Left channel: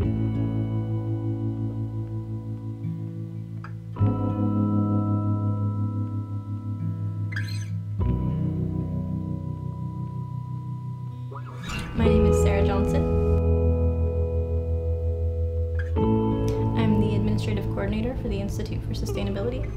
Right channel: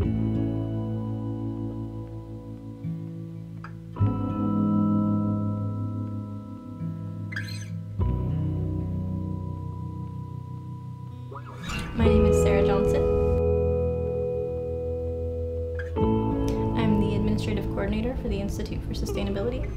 My name is Sarah Johnson. I'm the Administrative Coordinator for the Institute for Sustainability.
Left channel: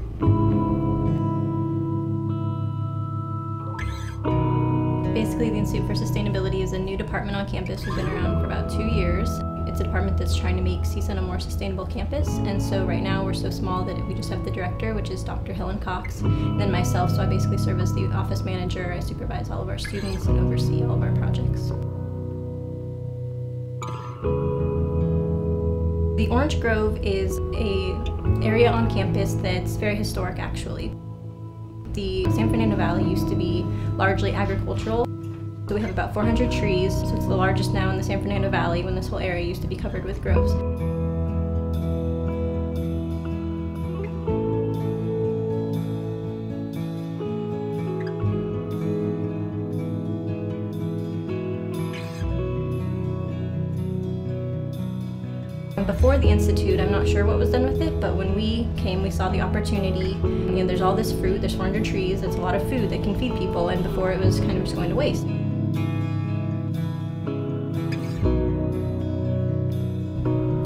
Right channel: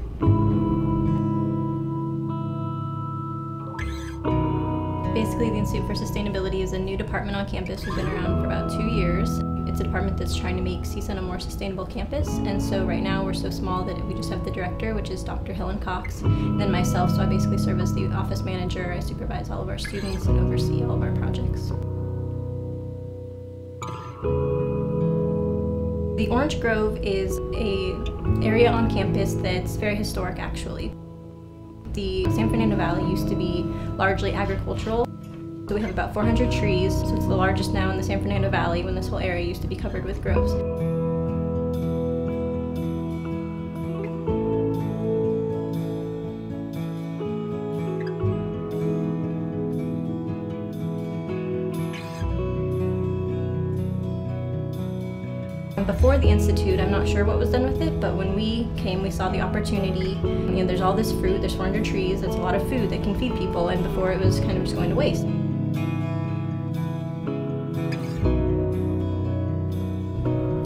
Basically, the Institute for Sustainability is a new department on campus. We've been around for about 2 years. It's a department that's trying to make CSUN a more sustainable campus, and so right now we're so small that we just have the director, which is Dr. Helen Cox, and then myself, so I basically serve as the office manager. I supervise all of our students and oversee all of our projects. The Orange Grove is an area on campus that's very historic, actually. The San Fernando Valley used to be largely agricultural. So we have about 400 trees, so it's the largest now in the San Fernando Valley, when this whole area used to be covered with groves. Before the Institute, I'm not sure what was done with it, but when we came, we saw the opportunity. You know, there's all this fruit, there's 400 trees, that's a lot of food that can feed people, and before it was kind of just going to waste.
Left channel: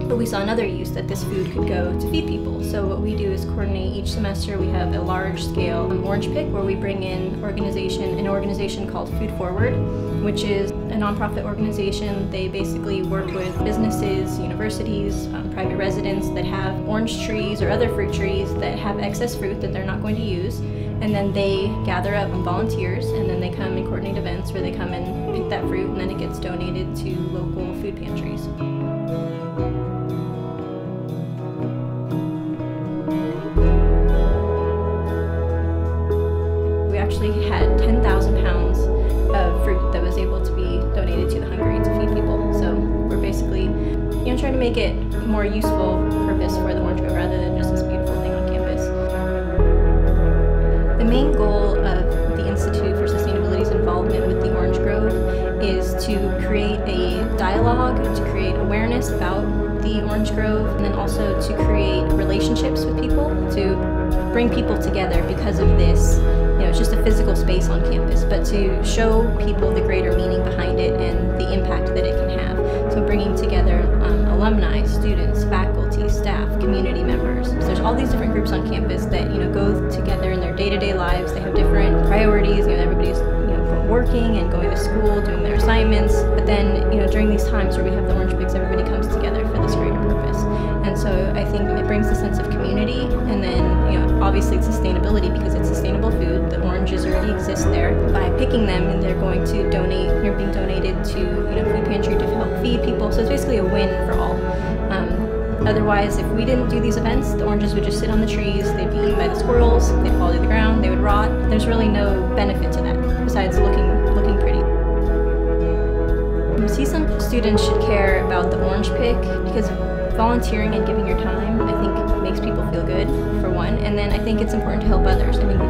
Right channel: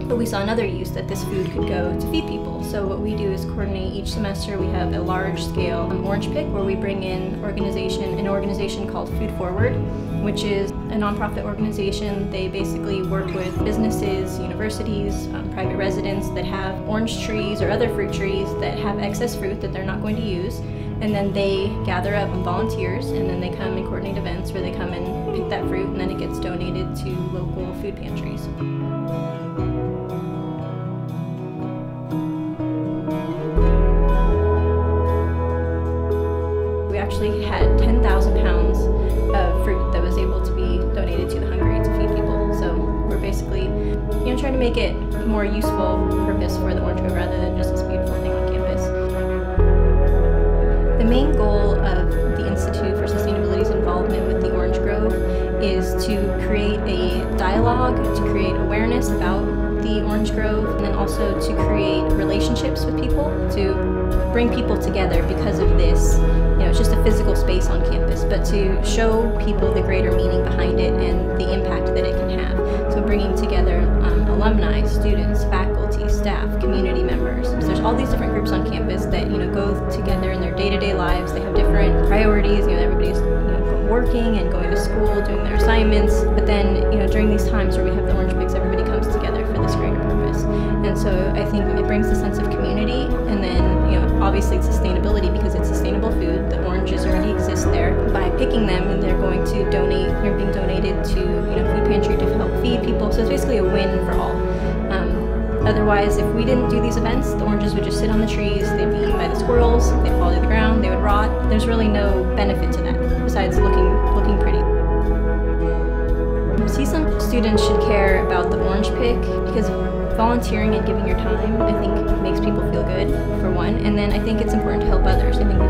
But we saw another use that this food could go to feed people. So what we do is coordinate each semester. We have a large-scale orange pick where we bring in an organization called Food Forward, which is a nonprofit organization. They basically work with businesses, universities, private residents that have orange trees or other fruit trees that have excess fruit that they're not going to use. And then they gather up volunteers, and then they come and coordinate events where they come and pick that fruit, and then it gets donated to local food pantries. We actually had 10,000 pounds of fruit that was able to be donated to the hungry to feed people. So we're basically, trying to make it a more useful purpose for the Orange Grove rather than just this beautiful thing on campus. The main goal of the Institute for Sustainability's involvement with the Orange Grove is to create a dialogue, to create awareness about the Orange Grove, and then also to create relationships with people, to bring people together because of this. It's just a physical space on campus, but to show people the greater meaning behind it and the impact that it can have. So bringing together alumni, students, faculty, staff, community members. So there's all these different groups on campus that go together in their day-to-day lives. They have different priorities. Everybody's working and going to school, doing their assignments. But then during these times where we have the Orange Picks, everybody comes together for this greater purpose. And so I think it brings a sense of community, and then obviously it's sustainability because it's sustainable food. The oranges already exist there. By picking them, and they're going to donate, they're being donated to food pantry to help feed people. So it's basically a win for all. Otherwise, if we didn't do these events, the oranges would just sit on the trees, they'd be eaten by the squirrels, they'd fall to the ground, they would rot. There's really no benefit to that besides looking pretty. CSUN students should care about the orange pick because volunteering and giving your time, I think, makes people feel good, for one, and then I think it's important to help others. I think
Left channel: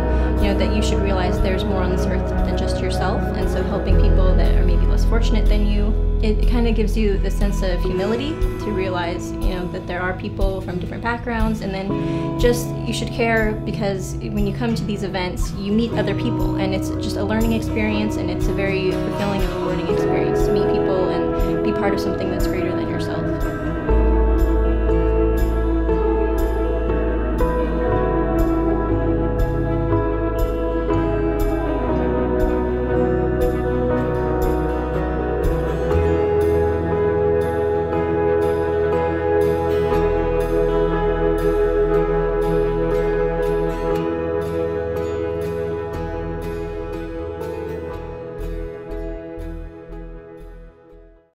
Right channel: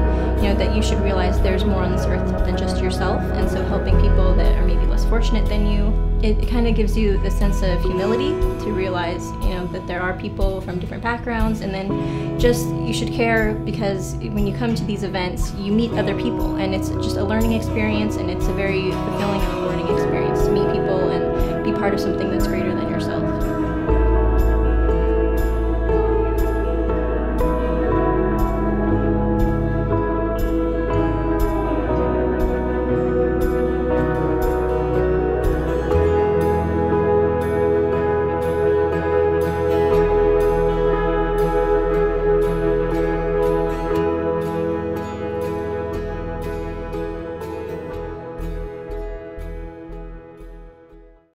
that you should realize there's more on this earth than just yourself, and so helping people that are maybe less fortunate than you, it kind of gives you the sense of humility to realize, that there are people from different backgrounds, and then just you should care because when you come to these events, you meet other people, and it's just a learning experience, and it's a very fulfilling and rewarding experience to meet people and be part of something that's greater